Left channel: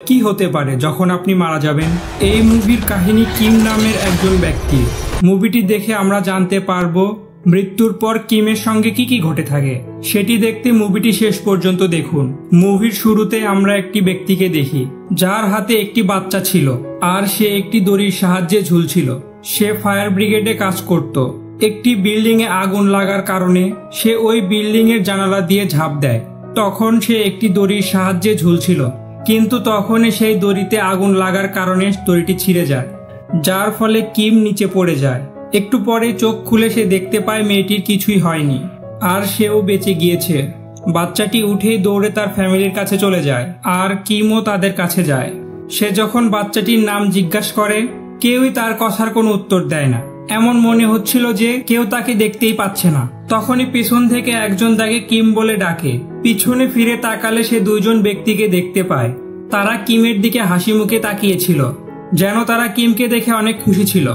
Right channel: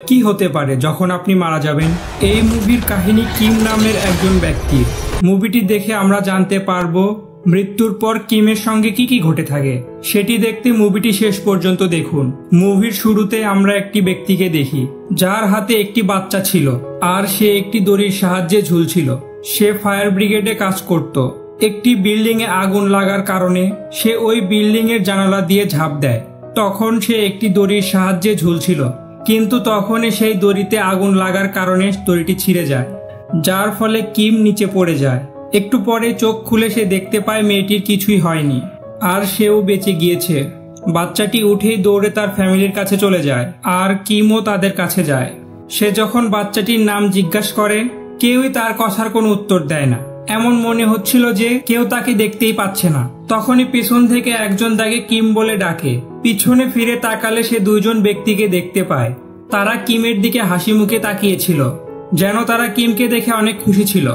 কি হতে পারে যখন আপনি মারা যাবেন? এই মুভির কাহিনী কিম নামের একজন ব্যক্তি। মুভিটি দেখে আমরা জানতে পারবো মৃত্যুর পর কিমের সঙ্গে কি কি ঘটে থাকে। সেটি দেখতে মুভিটি শেষ পর্যন্ত দেখুন। মুভির শুরুতে আমরা একটি ব্যক্তিকে দেখি যার হাতে একটি বাচ্চা ছিল আর সে একটি দড়ির সাহায্যে ঝুলছিল। সে ফায়ার ব্রিগেডে কাজ করত। একটি বিল্ডিং এ আগুন লাগার কারণে সে ওই বিল্ডিং এর জানালা দিয়ে ঝাঁপ দেয়। তখন সে একটি দড়ির সাহায্যে ঝুলছিল, কিন্তু তখনই সেই দড়িতে আগুন লাগার কারণে দড়িটি ছিঁড়ে যায়, যার ফলে কিম নিচে পড়ে যায়। একটু পরে চোখ খুলে সে দেখতে পায় মেয়েটির কিছুই হয়নি আর সেও বেঁচে গিয়েছে। বাচ্চাটি উঠেই দৌড়ে তার ফ্যামিলির কাছে চলে যায় আর কিমও তাদের কাছে যায়। সে যখন বাচ্চাটির নাম জিজ্ঞাসা করে, কেউই তার কথার কোনো উত্তর দেয় না। এমন মনে হচ্ছিল যে কেউ তাকে দেখতেই পাচ্ছে না। তখনই পেছন থেকে একজন তাকে কিম বলে ডাকে। পিছনে ফিরে তাকালে সে দুইজন ব্যক্তিকে দেখতে পায়। তারা কিমের দিকে হাসি মুখে তাকিয়েছিল, যেন তারা কিমকে দেখে অনেক খুশি ছিল।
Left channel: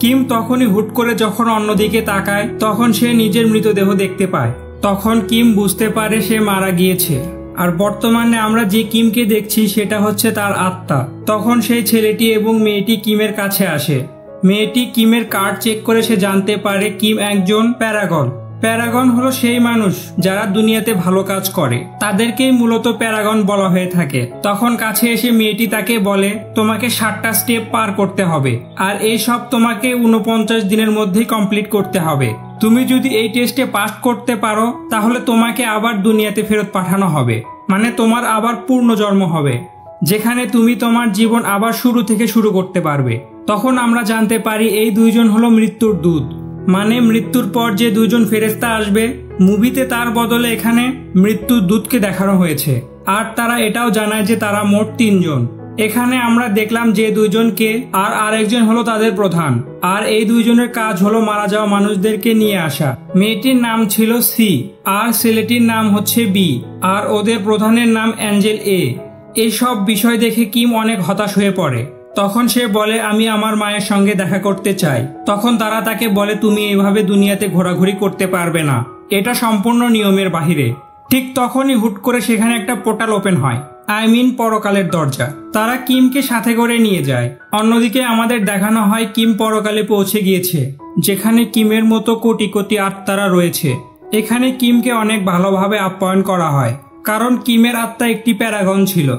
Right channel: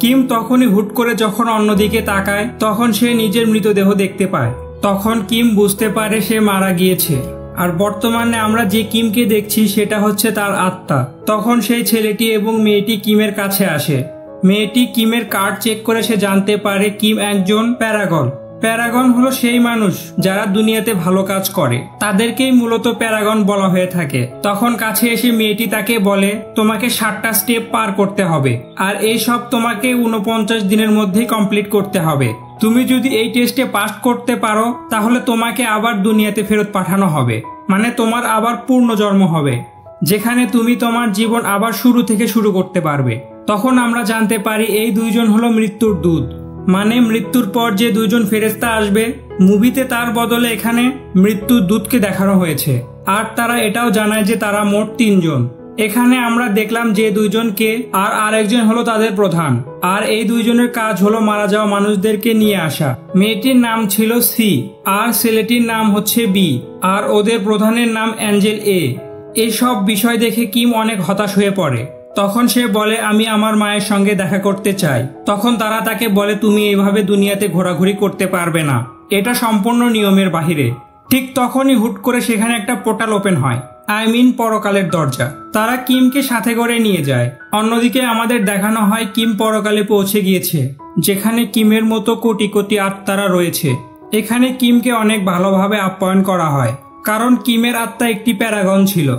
কিম তখনই হুট করে যখন অন্যদিকে তাকায় তখন সে নিজের মৃতদেহ দেখতে পায়। তখন কিম বুঝতে পারে সে মারা গিয়েছে আর বর্তমানে আমরা যে কিমকে দেখছি সেটা হচ্ছে তার আত্মা। তখন সেই ছেলেটি এবং মেয়েটি কিমের কাছে আসে। মেয়েটি কিমের কার্ড চেক করে সে জানতে পারে কিম একজন প্যারাগন। প্যারাগন হলো সেই মানুষ যারা দুনিয়াতে ভালো কাজ করে, তাদেরকেই মূলত প্যারাগন বলা হয়ে থাকে। তখন কাছে এসে মেয়েটি তাকে বলে, তোমাকে 7টা স্টেপ পার করতে হবে আর এই সব তোমাকে 49 দিনের মধ্যেই কমপ্লিট করতে হবে। তুমি যদি এই টেস্টে পাস করতে পারো তাহলে তোমাকে আবার দুনিয়াতে ফেরত পাঠানো হবে, মানে তোমার আবার পূর্ণ জন্ম হবে, যেখানে তুমি তোমার জীবন আবার শুরু থেকে শুরু করতে পারবে। তখন আমরা জানতে পারি এই দুইজন হলো মৃত্যুর দূত, মানে মৃত্যুর পর যে দুইজন ফেরেশতা আসবে। মুভিতে তার বদলে এখানে মৃত্যুর দূতকে দেখানো হয়েছে আর তারা এটাও জানায় যে তারা মোট 3 জন। এখানে আমরা দেখলাম যে দুইজনকে আর আরেকজন হলো তাদের প্রধান, আর এই দুইজনের কাজ হলো মারা যাওয়া মানুষদেরকে নিয়ে আসা। মেয়েটির নাম ছিল সি আর ছেলেটির নাম হচ্ছে বি, আর ওদের প্রধানের নাম অ্যাঞ্জেল এ। এইসব বিষয় দেখে কিম অনেক হতাশ হয়ে পড়ে। তখন সে বলে, আমি আমার মায়ের সঙ্গে দেখা করতে চাই। তখন তারা তাকে বলে, তুমি এইভাবে দুনিয়াতে ঘোরাঘুরি করতে পারবে না, এটা সম্পূর্ণ নিয়মের বাহিরে। ঠিক তখনই হুট করে সেখানে একটা পোর্টাল ওপেন হয়, পরকালের দরজা। তারা কিমকে সাথে করে নিয়ে যায়। অন্যদিকে আমাদের দেখানো হয় কিম পরকালে পৌঁছে গিয়েছে, যেখানে কিমের মতো কোটি কোটি আত্মারা রয়েছে। এখানে কিমকে অনেক ভালোভাবে আপ্যায়ন করা হয়, কারণ কিমের আত্মা একটি প্যারাগন ছিল।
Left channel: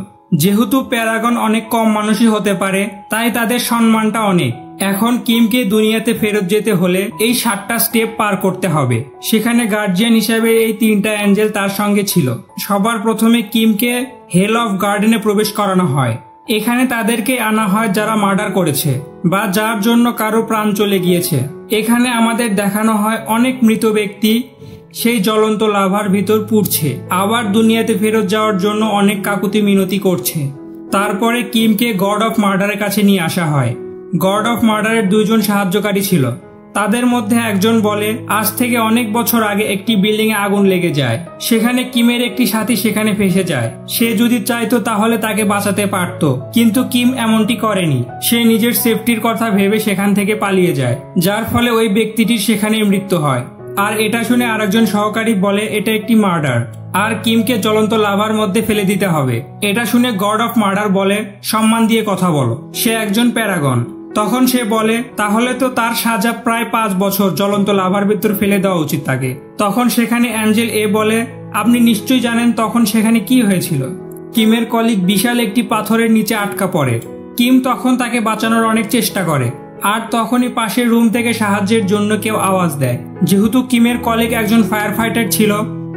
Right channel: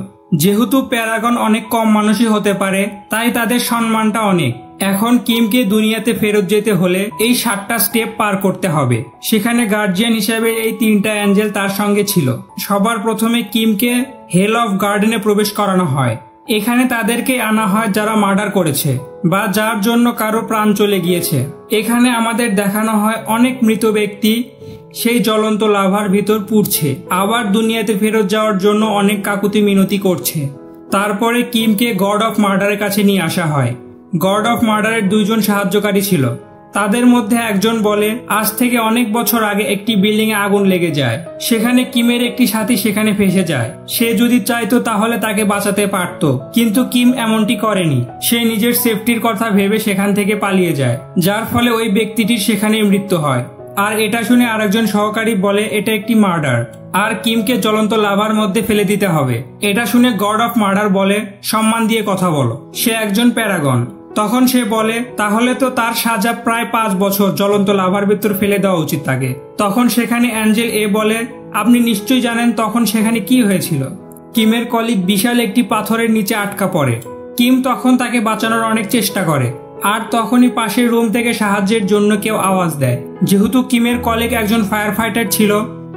যেহেতু প্যারাগন অনেক কম মানুষই হতে পারে, তাই তাদের সম্মানটা অনেক। এখন কিমকে দুনিয়াতে ফেরত যেতে হলে এই 7টা স্টেপ পার করতে হবে। সেখানে গার্জিয়ান হিসেবে এই 3টা অ্যাঞ্জেল তার সঙ্গে ছিল। সবার প্রথমে কিমকে হেল অফ গার্ডেনে প্রবেশ করানো হয়। এখানে তাদেরকে আনা হয় যারা মার্ডার করেছে বা যার জন্য কারো প্রাণ চলে গিয়েছে। এখানে আমাদের দেখানো হয় অনেক মৃত ব্যক্তি সেই জ্বলন্ত লাভার ভিতর পুড়ছে, আবার দুনিয়াতে ফেরত যাওয়ার জন্য অনেক কাকুতি মিনতি করছে। তারপরে কিমকে গড অফ মার্ডারের কাছে নিয়ে আসা হয়। গড অফ মার্ডারের 2 জন সাহায্যকারী ছিল। তাদের মধ্যে একজন বলে, আজ থেকে অনেক বছর আগে একটি বিল্ডিং এ আগুন লেগে যায়, সেখানে কিমের একটি সাথী সেখানে ফেসে যায়। সে যদি চাইতো তাহলে তাকে বাঁচাতে পারত, কিন্তু কিম এমনটি করেনি। সে নিজের সেফটির কথা ভেবে সেখান থেকে পালিয়ে যায়, যার ফলে ওই ব্যক্তিটির সেখানেই মৃত্যু হয়। আর এটা শুনে আরেকজন সহকারী বলে এটা একটি মার্ডার আর কিমকে জ্বলন্ত লাভার মধ্যে ফেলে দিতে হবে। এটা শুনে গড অফ মার্ডার বলে, সম্মান দিয়ে কথা বলো, সে একজন প্যারাগন। তখন সে বলে, তাহলে তো তার সাজা প্রায় 5 বছর জ্বলন্ত লাভার ভিতর ফেলে দেওয়া উচিত তাকে। তখন সেখানে অ্যাঞ্জেল এ বলে, আপনি নিশ্চয়ই জানেন তখন সেখানে কি হয়েছিল। কিমের কলিগ বিশাল একটি পাথরের নিচে আটকা পড়ে। কিম তখন তাকে বাঁচানোর অনেক চেষ্টা করে, আর তখনই পাশের রুম থেকে সাহায্যের জন্য কেউ আওয়াজ দেয়। যেহেতু কিমের কলিগ একজন ফায়ার ফাইটার ছিল,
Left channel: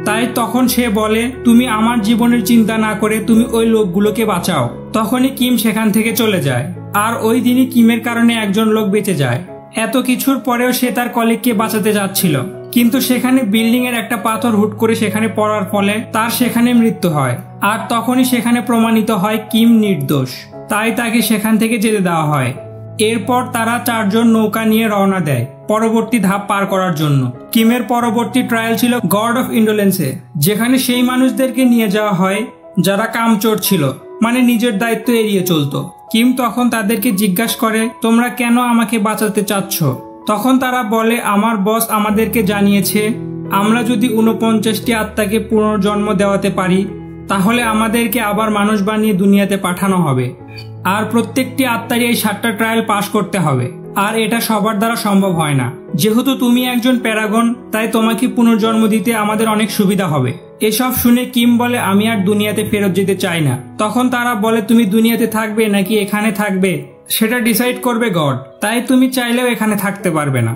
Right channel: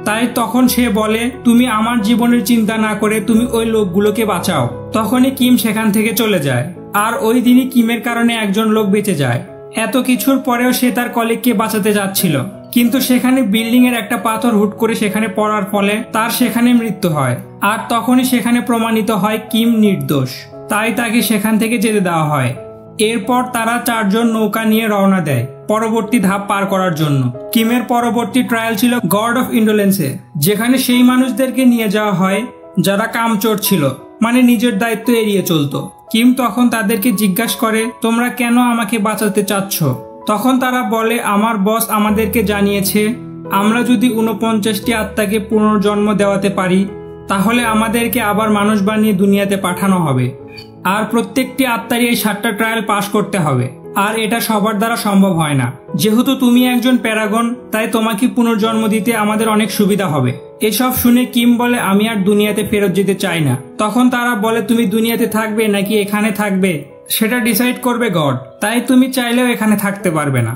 তাই তখন সে বলে, তুমি আমার জীবনের চিন্তা না করে তুমি ওই লোকগুলোকে বাঁচাও। তখনই কিম সেখান থেকে চলে যায়, আর ওই দিনই কিমের কারণে একজন লোক বেঁচে যায়। এত কিছুর পরেও সে তার কলিগকে বাঁচাতে যাচ্ছিল, কিন্তু সেখানে বিল্ডিং এর একটা পাথর হুট করে সেখানে পড়ার ফলে তার সেখানে মৃত্যু হয়। আর তখনই সেখানে প্রমাণিত হয় কিম নির্দোষ, তাই তাকে সেখান থেকে যেতে দেওয়া হয়। এরপর তারা 4 জন নৌকা নিয়ে রওনা দেয় পরবর্তী ধাপ পার করার জন্য। কিমের পরবর্তী ট্রায়াল ছিল গড অফ ইন্ডোলেন্সে, যেখানে সেই মানুষদেরকে নিয়ে যাওয়া হয় যারা কামচোর ছিল, মানে নিজের দায়িত্ব এড়িয়ে চলতো। কিম তখন তাদেরকে জিজ্ঞাসা করে, তোমরা কেন আমাকে বাঁচাতে চাচ্ছ? তখন তারা বলে, আমার বস আমাদেরকে জানিয়েছে আমরা যদি 49টি আত্মাকে পুনর্জন্ম দেওয়াতে পারি তাহলে আমাদেরকে আবার মানুষ বানিয়ে দুনিয়াতে পাঠানো হবে। আর প্রত্যেকটি আত্মারই এই 7টা ট্রায়াল পাস করতে হবে। আর এটা সবার দ্বারা সম্ভব হয় না। যেহেতু তুমি একজন প্যারাগন, তাই তোমাকে পুনর্জন্ম দিতে আমাদের অনেক সুবিধা হবে। এসব শুনে কিম বলে, আমি আর দুনিয়াতে ফেরত যেতে চাই না। তখন তারা বলে, তুমি দুনিয়াতে থাকবে নাকি এখানে থাকবে সেটা ডিসাইড করবে গড, তাই তুমি চাইলেও এখানে থাকতে পারবে না।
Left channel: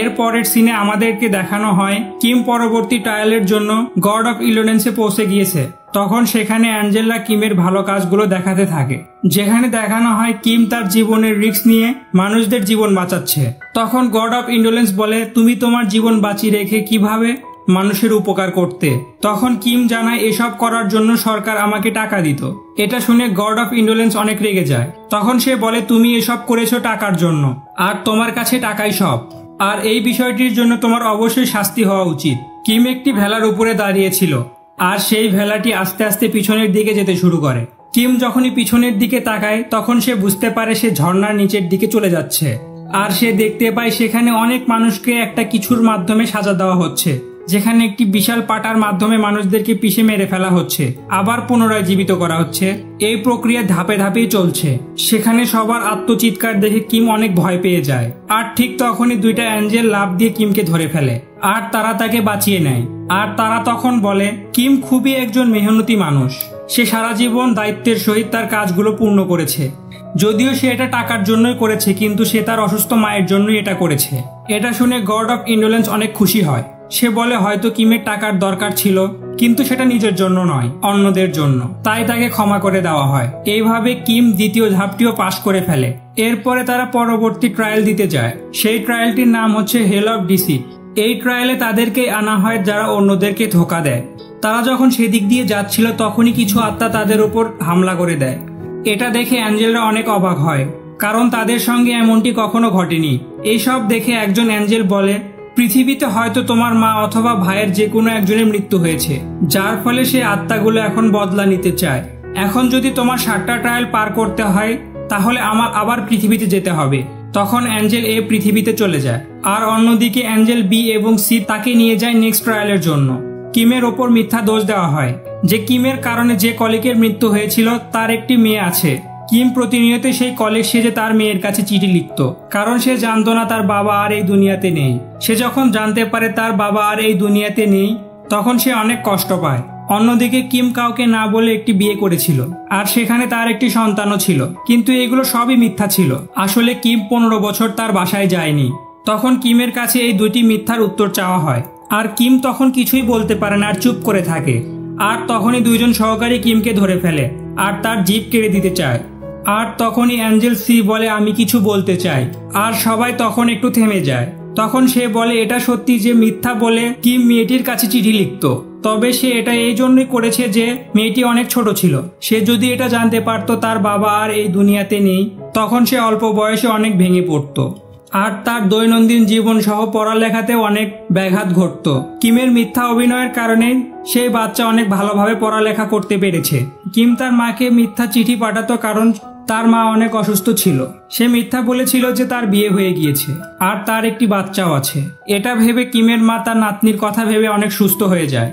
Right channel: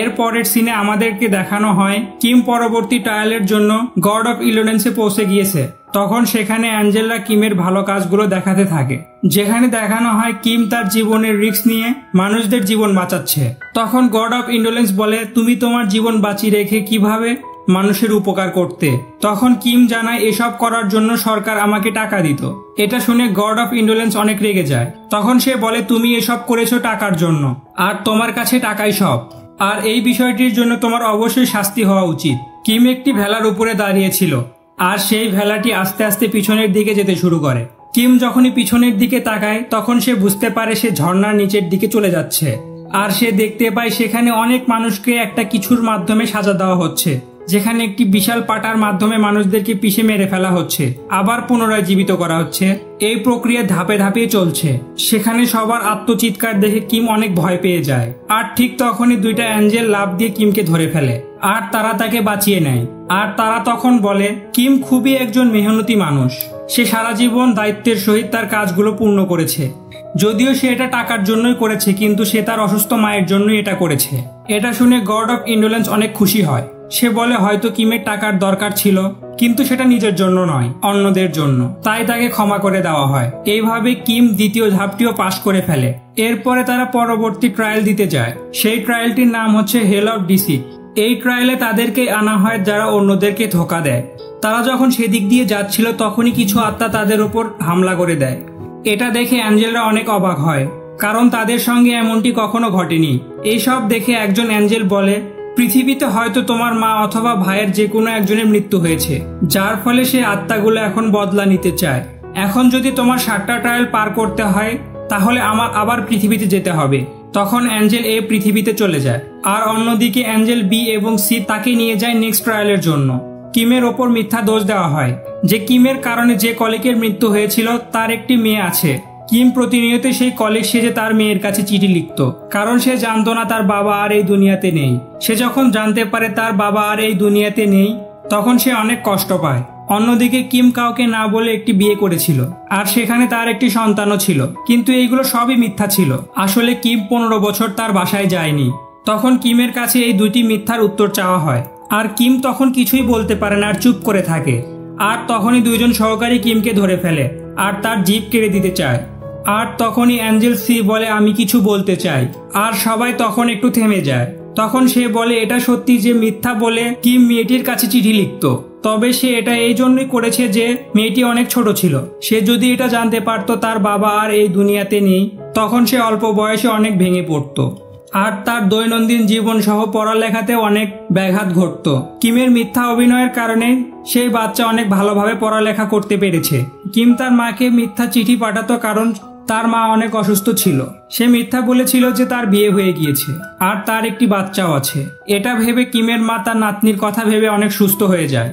এর পরের সিনে আমাদেরকে দেখানো হয় কিম পরবর্তী ট্রায়ালের জন্য গড অফ ইলোডেন্সে পৌঁছে গিয়েছে। তখন সেখানে অ্যাঞ্জেলা কিমের ভালো কাজগুলো দেখাতে থাকে, যেখানে দেখানো হয় কিম তার জীবনের রিস্ক নিয়ে মানুষদের জীবন বাঁচাচ্ছে। তখন গড অফ ইন্ডোলেন্স বলে, তুমি তোমার জীবন বাঁচিয়ে রেখে কিভাবে মানুষের উপকার করতে। তখন কিম জানায় এসব করার জন্য সরকার আমাকে টাকা দিত। এটা শুনে গড অফ ইন্ডোলেন্স অনেক রেগে যায়। তখন সে বলে, তুমি এসব করেছো টাকার জন্য, আর তোমার কাছে টাকাই সব, আর এই বিষয়টির জন্য তোমার অবশ্যই শাস্তি হওয়া উচিত। কিম একটি ভেলার উপরে দাঁড়িয়েছিল, আর সেই ভেলাটি আস্তে আস্তে পিছনের দিকে যেতে শুরু করে। কিম যখনই পিছনের দিকে তাকায় তখন সে বুঝতে পারে সে ঝর্ণার নিচের দিকে চলে যাচ্ছে। আর সে দেখতে পায় সেখানে অনেক মানুষকে একটা কিছুর মাধ্যমে সাজা দেওয়া হচ্ছে, যেখানে একটি বিশাল পাটার মাধ্যমে মানুষদেরকে পিষে মেরে ফেলা হচ্ছে, আবার পুনরায় জীবিত করা হচ্ছে। এই প্রক্রিয়া ধাপে ধাপে চলছে। সেখানে সবার আত্মচিৎকার দেখে কিম অনেক ভয় পেয়ে যায়। আর ঠিক তখনই দুইটা অ্যাঞ্জেল লাফ দিয়ে কিমকে ধরে ফেলে, আর তারা তাকে বাঁচিয়ে নেয়। আর তারা তখন বলে, কিম খুবই একজন মেহনতি মানুষ, সে সারা জীবন দায়িত্বের সহিত তার কাজগুলো পূর্ণ করেছে। যদিও সে এটা টাকার জন্যই করেছে, কিন্তু সে তার অসুস্থ মায়ের জন্যই এটা করেছে। এটা শুনে গড অফ ইন্ডোলেন্স অনেক খুশি হয়। সে বলে, হয়তো কিমের টাকার দরকার ছিল, কিন্তু সেটা নিজের জন্য নয়, অন্যদের জন্য, তাই তাকে ক্ষমা করে দেওয়া হয়। এইভাবে কিম দ্বিতীয় ধাপটিও পাশ করে ফেলে। এরপরে তারা পরবর্তী ট্রায়াল দিতে যায়। সেই ট্রায়ালটির নাম হচ্ছে হেল অফ ডিসিট। এই ট্রায়ালে তাদেরকে আনা হয় যারা অন্যদেরকে ধোঁকা দেয়। তারা যখন সেদিক দিয়ে যাচ্ছিল তখনই কিছু আত্মা তাদের উপর হামলা করে দেয়। এটা দেখে অ্যাঞ্জেলরা অনেক অবাক হয়, কারণ তাদের সঙ্গে এমনটি কখনো ঘটেনি। এইসব দেখে একজন অ্যাঞ্জেল বলে, পৃথিবীতে হয়তো তোমার মা অথবা ভাইয়ের যে কোনো একজনের মৃত্যু হয়েছে, যার ফলে সেই আত্মাগুলো এখন বদলা নিতে চায়। এখন যদি তোমার 7টা ট্রায়াল পার করতে হয় তাহলে আমার আবার পৃথিবীতে যেতে হবে। তখন অ্যাঞ্জেল এ পৃথিবীতে চলে যায়, আর অন্যদিকে অ্যাঞ্জেল বি এবং সি তাকে নিয়ে যায় নেক্সট ট্রায়ালের জন্য। কিমের ওপর মিথ্যা দোষ দেওয়া হয় যে কিমের কারণে যে কলিকের মৃত্যু হয়েছিল তার একটি মেয়ে আছে। কিম প্রতিনিয়ত সেই কলিগ সেজে তার মেয়ের কাছে চিঠি লিখত, কারণ সে জানতো না তার বাবা আর এই দুনিয়াতে নেই। সে যখন জানতে পারে তার বাবা আর এই দুনিয়াতে নেই তখন সে অনেক কষ্ট পায়। অন্যদিকে কিম কাউকে না বলে একটি বিয়ে করেছিল, আর সেখানে তার একটি সন্তানও ছিল, কিন্তু এইগুলো সবই মিথ্যা ছিল। আসলে কিম 15 বছর তার বাসায় যায়নি। তখন কিমের কাছে এই দুইটি মিথ্যার উত্তর চাওয়া হয়, আর কিম তখন কিছুই বলতে পারে না আর চুপ করে থাকে। আর তখনই দুইজন সহকারী কিমকে ধরে ফেলে আর তার জিভ কেড়ে দিতে চায়। আর তখনই অ্যাঞ্জেল সি বলে, আমি কিছু বলতে চাই। আর সবাই তখন একটু থেমে যায়। তখন সে বলে, এটা সত্যি যে মিথ্যা বলে কিম মেয়েটির কাছে চিঠি লিখত, তবে সে এটা এই জন্যই করেছে যে মেয়েটি অনেক ছোট ছিল। সে যদি এটা জানতে পারতো তার বাবা আর এই দুনিয়াতে নেই, তখন সে অল্প বয়সে অনেক ভেঙে পড়তো, আর তার দৈনন্দিন জীবন সহ পড়ালেখাতে অনেক ব্যাঘাত ঘটত। কিমের মিথ্যা অভিনয়ের কারণে সেই বাচ্চা অনেক ভালোভাবে পড়ালেখা করতে পেরেছে। কিম তার মাকে মিথ্যা চিঠি পাঠাতো কারণ তার মা অনেক অসুস্থ ছিল। সে মিথ্যা বলেছিল যে তার বিয়ে হয়ে গিয়েছে আর তার একটি বাচ্চাও আছে। এটা ভেবে কিমের মা তার নাতনির কথা ভেবে অনেক সুস্থ হয়ে যায়।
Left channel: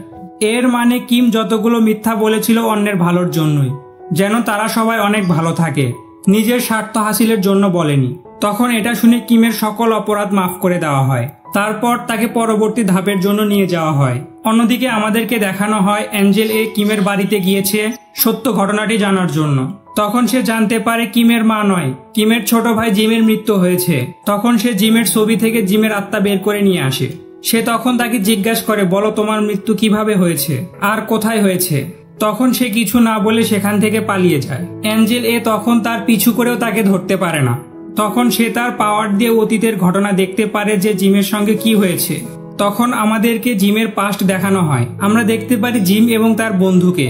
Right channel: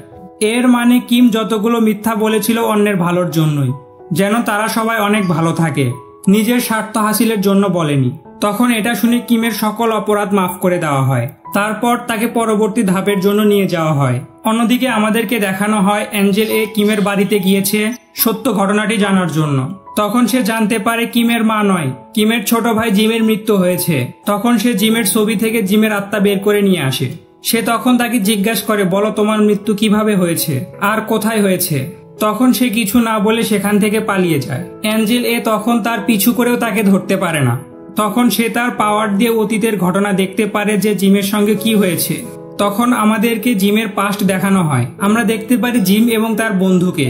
এর মানে কিম যতগুলো মিথ্যা বলেছিল অন্যের ভালোর জন্যই, যেন তারা সবাই অনেক ভালো থাকে, নিজের স্বার্থ হাসিলের জন্য বলেনি। তখন এটা শুনে কিমের সকল অপরাধ মাফ করে দেওয়া হয়। তারপর তাকে পরবর্তী ধাপের জন্য নিয়ে যাওয়া হয়। অন্যদিকে আমাদেরকে দেখানো হয় অ্যাঞ্জেল এ কিমের বাড়িতে গিয়েছে সত্য ঘটনাটি জানার জন্য। তখন সে জানতে পারে কিমের মা নয়, কিমের ছোট ভাই জিমের মৃত্যু হয়েছে। তখন সে জিমের ছবি থেকে জিমের আত্মা বের করে নিয়ে আসে। সে তখন তাকে জিজ্ঞাসা করে, বলো তোমার মৃত্যু কিভাবে হয়েছে আর কোথায় হয়েছে। তখন সে কিছু না বলে সেখান থেকে পালিয়ে যায়। অ্যাঞ্জেল এ তখন তার পিছু করেও তাকে ধরতে পারে না। তখন সে তার পাওয়ার দিয়ে অতীতের ঘটনা দেখতে পারে যে জিমের সঙ্গে কি হয়েছে। তখন আমাদেরকে জিমের পাস্ট দেখানো হয়। আমরা দেখতে পারি জিম এবং তার বন্ধুকে,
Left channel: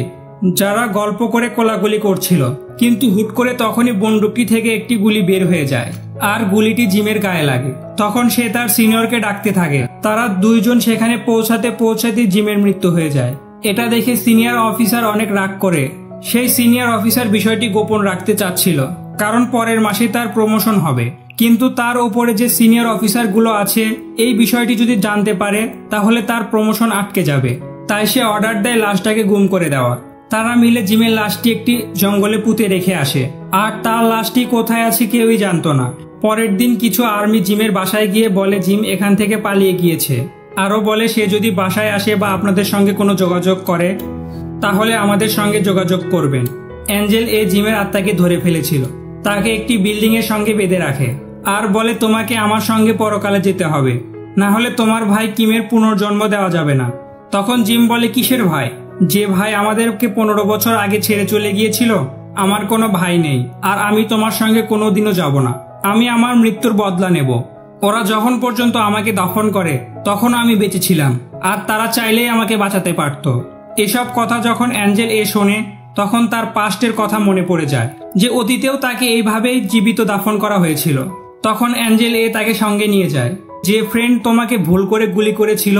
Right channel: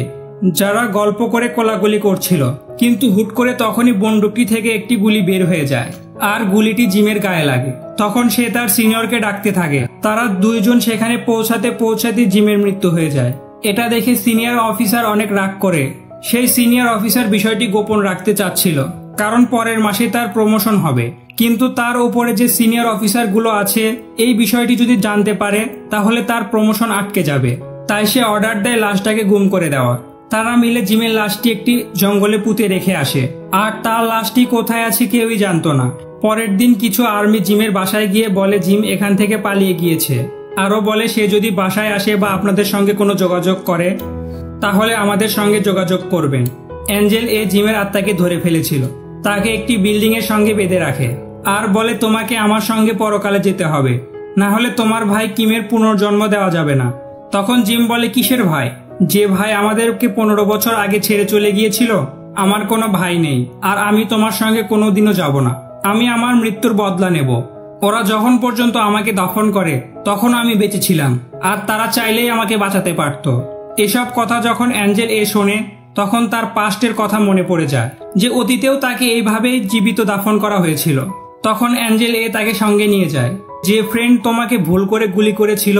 যারা গল্প করে কোলাকুলি করছিল, কিন্তু হুট করে তখনই বন্দুকটি থেকে একটি গুলি বের হয়ে যায় আর গুলিটি জিমের গায়ে লাগে। তখন সে তার সিনিয়রকে ডাকতে থাকে। তারা দুইজন সেখানে পৌঁছাতে জিমের মৃত্যু হয়ে যায়। এটা দেখে সিনিয়র অফিসার অনেক রাগ করে। সেই সিনিয়র অফিসার বিষয়টি গোপন রাখতে চাচ্ছিল, কারণ পরের মাসে তার প্রমোশন হবে। কিন্তু তার উপরে যে সিনিয়র অফিসার গুলো আছে এই বিষয়টি যদি জানতে পারে তাহলে তার প্রমোশন আটকে যাবে। তাই সে অর্ডার দেয় লাশটাকে গুম করে দেওয়ার। তারা মিলে জিমের লাশটি একটি জঙ্গলে পুঁতে রেখে আসে, আর তার লাশটি কোথায় আছে কেউই জানতো না। পরের দিন কিছু আর্মি জিমের বাসায় গিয়ে বলে জিম এখান থেকে পালিয়ে গিয়েছে। আরো বলে সে যদি বাসায় আসে বা আপনাদের সঙ্গে কোনো যোগাযোগ করে তাহলে আমাদের সঙ্গে যোগাযোগ করবেন। অ্যাঞ্জেল জিমের আত্মাকে ধরে ফেলেছিল, তাকে একটি বিল্ডিং এর সঙ্গে বেঁধে রাখে আর বলে তোমাকে আমার সঙ্গে পরকালে যেতে হবে, না হলে তোমার ভাই কিমের পুনর্জন্ম দেওয়া যাবে না। তখন জিম বলে কিসের ভাই? যে ভাই আমাদেরকে 15 বছর আগে ছেড়ে চলে গিয়েছিল, আমার কোনো ভাই নেই আর আমি তোমার সঙ্গে কোনোদিনও যাব না। আমি আমার মৃত্যুর বদলা নেব। ওরা যখন পর্যন্ত আমাকে দফন করে তখন আমি বেঁচে ছিলাম আর তারা চাইলেই আমাকে বাঁচাতে পারত। এসব কথা যখন অ্যাঞ্জেল শোনে তখন তার পাস্টের কথা মনে পড়ে যায় যে অতীতেও তাকে এইভাবে জীবিত দাফন করা হয়েছিল। তখন অ্যাঞ্জেল তাকে সঙ্গে নিয়ে যায়। যে ফ্রেন্ড তোমাকে ভুল করে গুলি করেছিল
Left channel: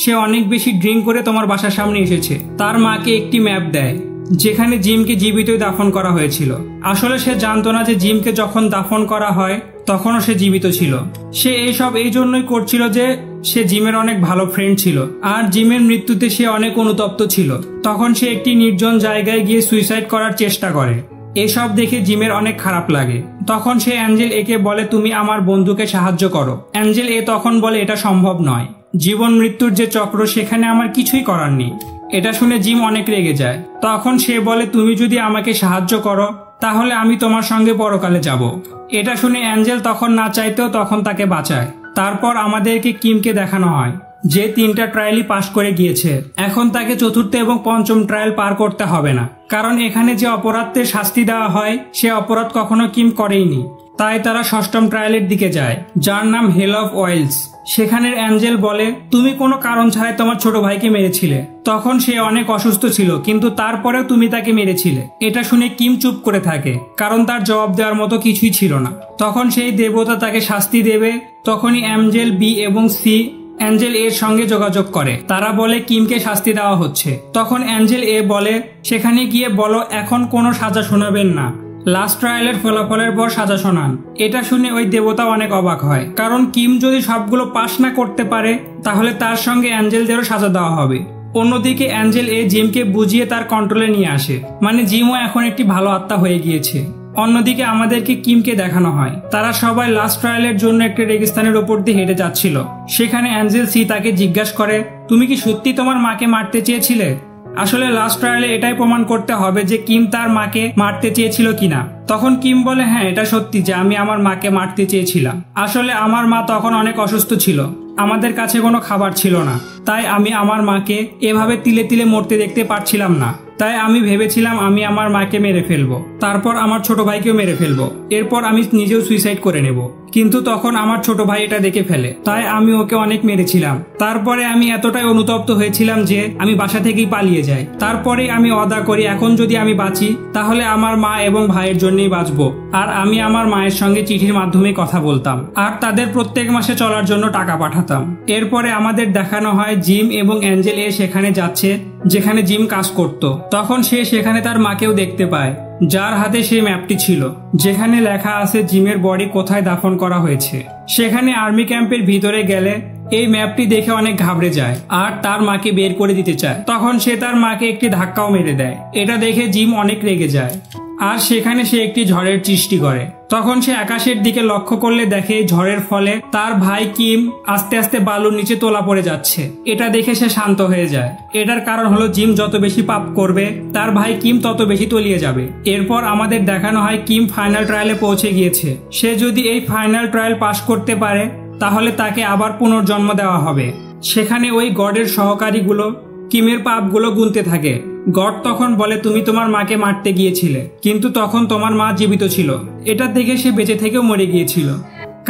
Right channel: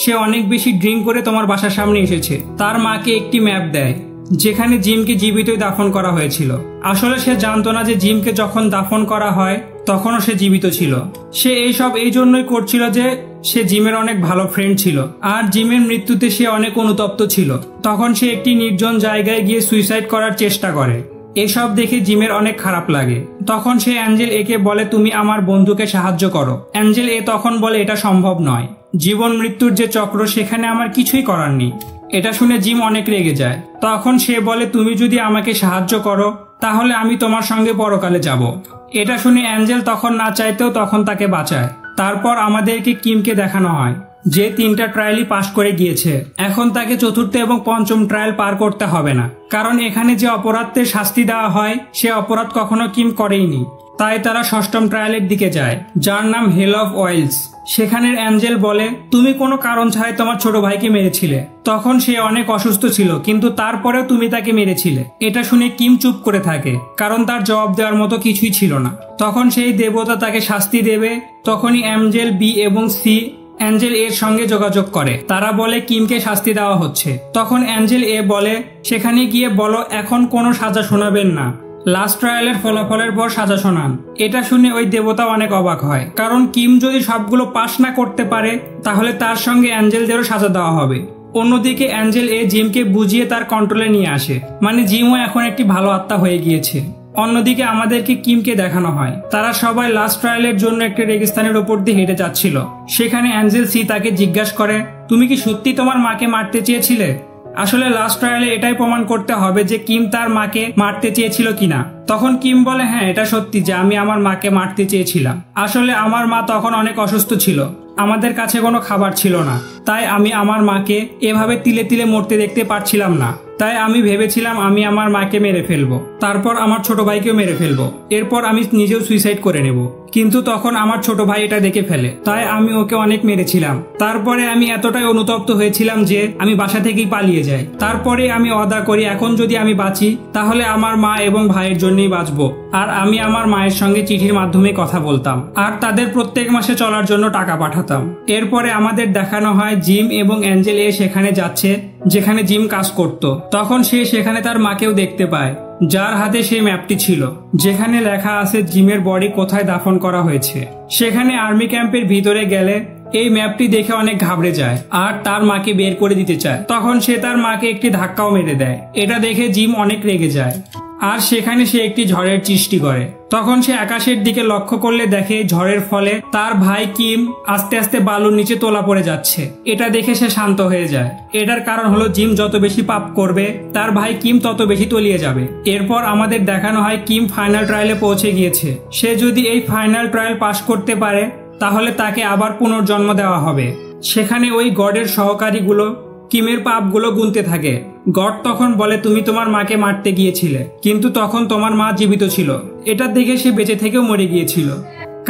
সে অনেক বেশি ড্রিঙ্ক করে তোমার বাসার সামনে এসেছে। তার মাকে একটি ম্যাপ দেয় যেখানে জিমকে জীবিত দাফন করা হয়েছিল। আসলে সে জানতো না যে জিমকে যখন দাফন করা হয় তখনও সে জীবিত ছিল। সে এইসব এই জন্যই করছিল যে সে জিমের অনেক ভালো ফ্রেন্ড ছিল আর জিমের মৃত্যুতে সে অনেক অনুতপ্ত ছিল। তখন সে একটি নির্জন জায়গায় গিয়ে সুইসাইড করার চেষ্টা করে। এসব দেখে জিমের অনেক খারাপ লাগে। তখন সে অ্যাঞ্জেল কে বলে তুমি আমার বন্ধুকে সাহায্য করো। অ্যাঞ্জেল তখন বলে এটা সম্ভব নয়, জীবন মৃত্যুর যে চক্র সেখানে আমার কিছুই করার নেই। এটা শুনে জিম অনেক রেগে যায়। তখন সে বলে তুমি যদি আমাকে সাহায্য করো তাহলে আমি তোমার সঙ্গে পরকালে যাব। এটা শুনে অ্যাঞ্জেল তখন না চাইতেও তখন তাকে বাঁচায়। তারপর আমাদেরকে কিমকে দেখানো হয় যে 3টা ট্রায়ালই পাশ করে গিয়েছে। এখন তাকে 4র্থ এবং 5ম ট্রায়াল পার করতে হবে না, কারণ এখানে যে অপরাধের শাস্তি দেওয়া হয় সে অপরাধ কখনো কিম করেইনি। তাই তারা 6ম ট্রায়ালের দিকে যায়, যার নাম হেল অফ ওয়েলস। সেখানে অ্যাঞ্জেল বলে তুমি কোনো কারণ ছাড়াই তোমার ছোট ভাইকে মেরেছিলে। তখন সে অনেক অসুস্থ ছিল কিন্তু তারপরেও তুমি তাকে মেরেছিলে। এটা শুনে কিম চুপ করে থাকে, কারণ তার জবাব দেওয়ার মতো কিছুই ছিল না। তখন সেই দেবতা তাকে শাস্তি দেবে। তখনই অ্যাঞ্জেল বি এবং সি অ্যাঞ্জেল সঙ্গে যোগাযোগ করে। তারা বলে কিমকে শাস্তি দেওয়া হচ্ছে। তখন অ্যাঞ্জেল বলে সেখানে গিয়ে বলো এখন কোনো সাজা শোনাবেন না, লাস্ট ট্রায়ালের ফলাফলের পর সাজা শোনান। এটা শুনে ওই দেবতা অনেক অবাক হয়, কারণ কিম যদি সবগুলো পাশ না করতে পারে তাহলে তার সঙ্গে অ্যাঞ্জেলদেরও সাজা দেওয়া হবে। অন্যদিকে অ্যাঞ্জেল জিমকে বুঝিয়ে তার কন্ট্রোলে নিয়ে আসে, মানে জিমও এখন একটি ভালো আত্মা হয়ে গিয়েছে। অন্যদিকে আমাদেরকে কিমকে দেখানো হয় তারা সবাই লাস্ট ট্রায়ালের জন্য একটি রেগিস্তানের উপর দিয়ে হেঁটে যাচ্ছিল। সেখানে অ্যাঞ্জেল সি তাকে জিজ্ঞাসা করে তুমি কি সত্যি তোমার মাকে মারতে চেয়েছিলে? আসলে লাস্ট ট্রায়ালে এটাই প্রমাণ করতে হবে যে কিম তার মাকে মারতে চেয়েছিল কিনা। তখন কিম বলে হ্যাঁ এটা সত্যি যে আমি আমার মাকে মারতে চেয়েছিলাম। আসলে আমার মা তখন অনেক অসুস্থ ছিল, আমাদের কাছে কোনো খাবার ছিল না, তাই আমি আমার মাকে এভাবে তিলে তিলে মরতে দেখতে পারছিলাম না। তাই আমি ভেবেছিলাম আমি আমার মাকে মেরে ফেলবো, তারপর আমার ছোট ভাইকেও মেরে ফেলবো, এরপর আমি নিজেও সুইসাইড করে নেব। কিন্তু তখন আমার ছোট ভাই এটা দেখে ফেলে, তাই আমি ওকে অনেক মেরেছিলাম। তারপরে আমি এতটাই অনুতপ্ত হয়েছিলাম যে আমি বাসা থেকেই পালিয়ে যাই। তারপরে আমি ওয়াদা করি এখন যদি আমি বাঁচি তাহলে আমার মা এবং ভাইয়ের জন্যই বাঁচবো। আর আমি আমার মায়ের সঙ্গে চিঠির মাধ্যমে কথা বলতাম আর তাদের প্রত্যেক মাসে চলার জন্য টাকা পাঠাতাম। এরপরে আমাদের দেখানো হয় জিম এবং অ্যাঞ্জেল সেখানে যাচ্ছে যেখানে জিম কাজ করত। তখন সে সেখানে তার মাকেও দেখতে পায়, যার হাতে সেই ম্যাপটি ছিল যেখানে লেখা আছে জিমের বডি কোথায় দাফন করা হয়েছে। সেখানে আর্মি ক্যাম্পের ভিতরে গেলে এই ম্যাপটি দেখে অনেক ঘাবড়ে যায় আর তার মাকে বের করে দিতে চায়। তখন সে তার মাকে একটি ধাক্কাও মেরে দেয়। এটা দেখে জিম অনেক রেগে যায় আর সেখানে সে একটি ঝড়ের সৃষ্টি করে। তখন সে আকাশের দিকে লক্ষ্য করলে দেখে ঝড়ের ফলে তার ভাই কিম আস্তে আস্তে বালুর নিচে তোলা পড়ে যাচ্ছে। এটা দেখে সে শান্ত হয়ে যায়। এটার কারণ হলো জিম যত বেশি পাপ করবে তার ভাই কিম তত বেশি তলিয়ে যাবে। এরপর আমাদের দেখানো হয় কিম ফাইনাল ট্রায়ালে পৌঁছে গিয়েছে। সে যদি এই ফাইনাল ট্রায়াল পাশ করতে পারে তাহলে তাকে আবার পুনর্জন্ম দেওয়া হবে। সেখানে ওই গডের সহকারীগুলো কিমের পাপগুলো গুনতে থাকে। গড তখন বলে তুমি তোমার মাকে মারতে গিয়েছিলে কিন্তু তখন তোমার মা জীবিত ছিল। এটা দেখে সে বেঁচে থেকেও মরে গিয়েছিল,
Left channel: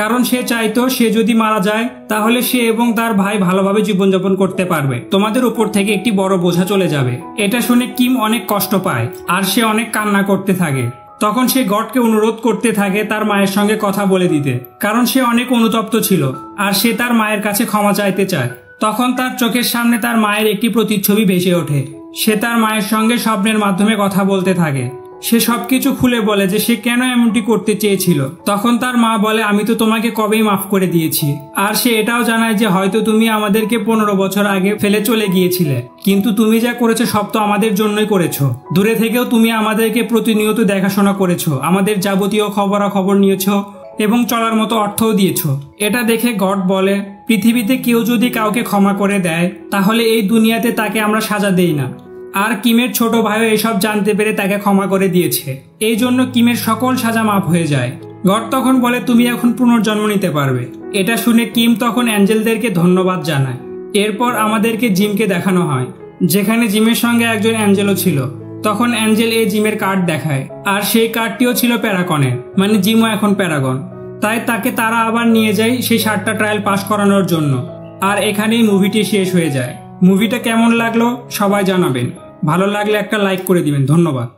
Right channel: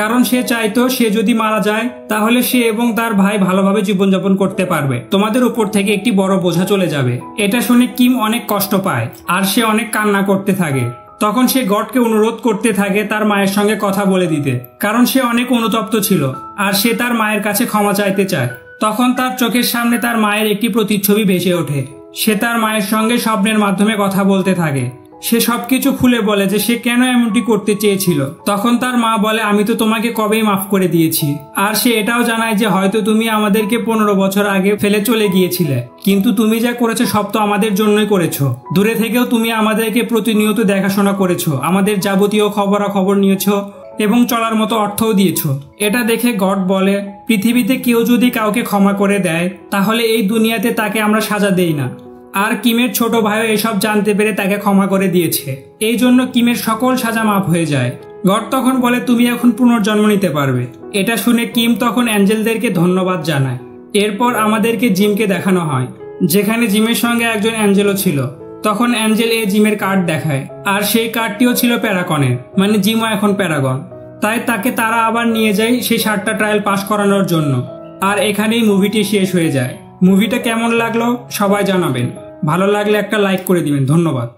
কারণ সে চাইতো সে যদি মারা যায় তাহলে সে এবং তার ভাই ভালোভাবে জীবনযাপন করতে পারবে, তোমাদের উপর থেকে একটি বড় বোঝা চলে যাবে। এটা শুনে কিম অনেক কষ্ট পায় আর সে অনেক কান্না করতে থাকে। তখন সে গডকে অনুরোধ করতে থাকে তার মায়ের সঙ্গে কথা বলে দিতে, কারণ সে অনেক অনুতপ্ত ছিল আর সে তার মায়ের কাছে ক্ষমা চাইতে চায়। তখন তার চোখের সামনে তার মায়ের একটি প্রতিচ্ছবি ভেসে ওঠে। সে তার মায়ের সঙ্গে স্বপ্নের মাধ্যমে কথা বলতে থাকে। সে সবকিছু খুলে বলে যে সে কেন এমনটি করতে চেয়েছিল। তখন তার মা বলে, আমি তো তোমাকে কবেই মাফ করে দিয়েছি। আর সে এটাও জানায় যে হয়তো তুমি আমাদেরকে 15 বছর আগে ফেলে চলে গিয়েছিলে, কিন্তু তুমি যা করেছো সব তো আমাদের জন্যই করেছো। দূরে থেকেও তুমি আমাদেরকে প্রতিনিয়ত দেখাশোনা করেছো, আমাদের যাবতীয় খবরাখবর নিয়েছো এবং চলার মতো অর্থও দিয়েছ। এটা দেখে গড বলে, পৃথিবীতে কেউ যদি কাউকে ক্ষমা করে দেয় তাহলে এই দুনিয়াতে তাকে আমরা সাজা দেই না। আর কিমের ছোট ভাইও এসব জানতে পেরে তাকে ক্ষমা করে দিয়েছে। এই জন্য কিমের সকল সাজা মাফ হয়ে যায়। গড তখন বলে, তুমি এখন পুনর্জন্ম নিতে পারবে। এটা শুনে কিম তখন অ্যাঞ্জেলদেরকে ধন্যবাদ জানায়। এরপর আমাদেরকে জিমকে দেখানো হয়, যেখানে জিমের সঙ্গে একজন অ্যাঞ্জেলও ছিল। তখন অ্যাঞ্জেল এই জিমের কার্ড দেখায়, আর সেই কার্ডটিও ছিল প্যারাগনের, মানে জিমও এখন প্যারাগন। তাই তাকে তারা আবার নিয়ে যায় সেই 7টা ট্রায়াল পাস করানোর জন্য। আর এখানেই মুভিটি শেষ হয়ে যায়। মুভিটা কেমন লাগলো সবাই জানাবেন। ভালো লাগলে একটা লাইক করে দিবেন। ধন্যবাদ।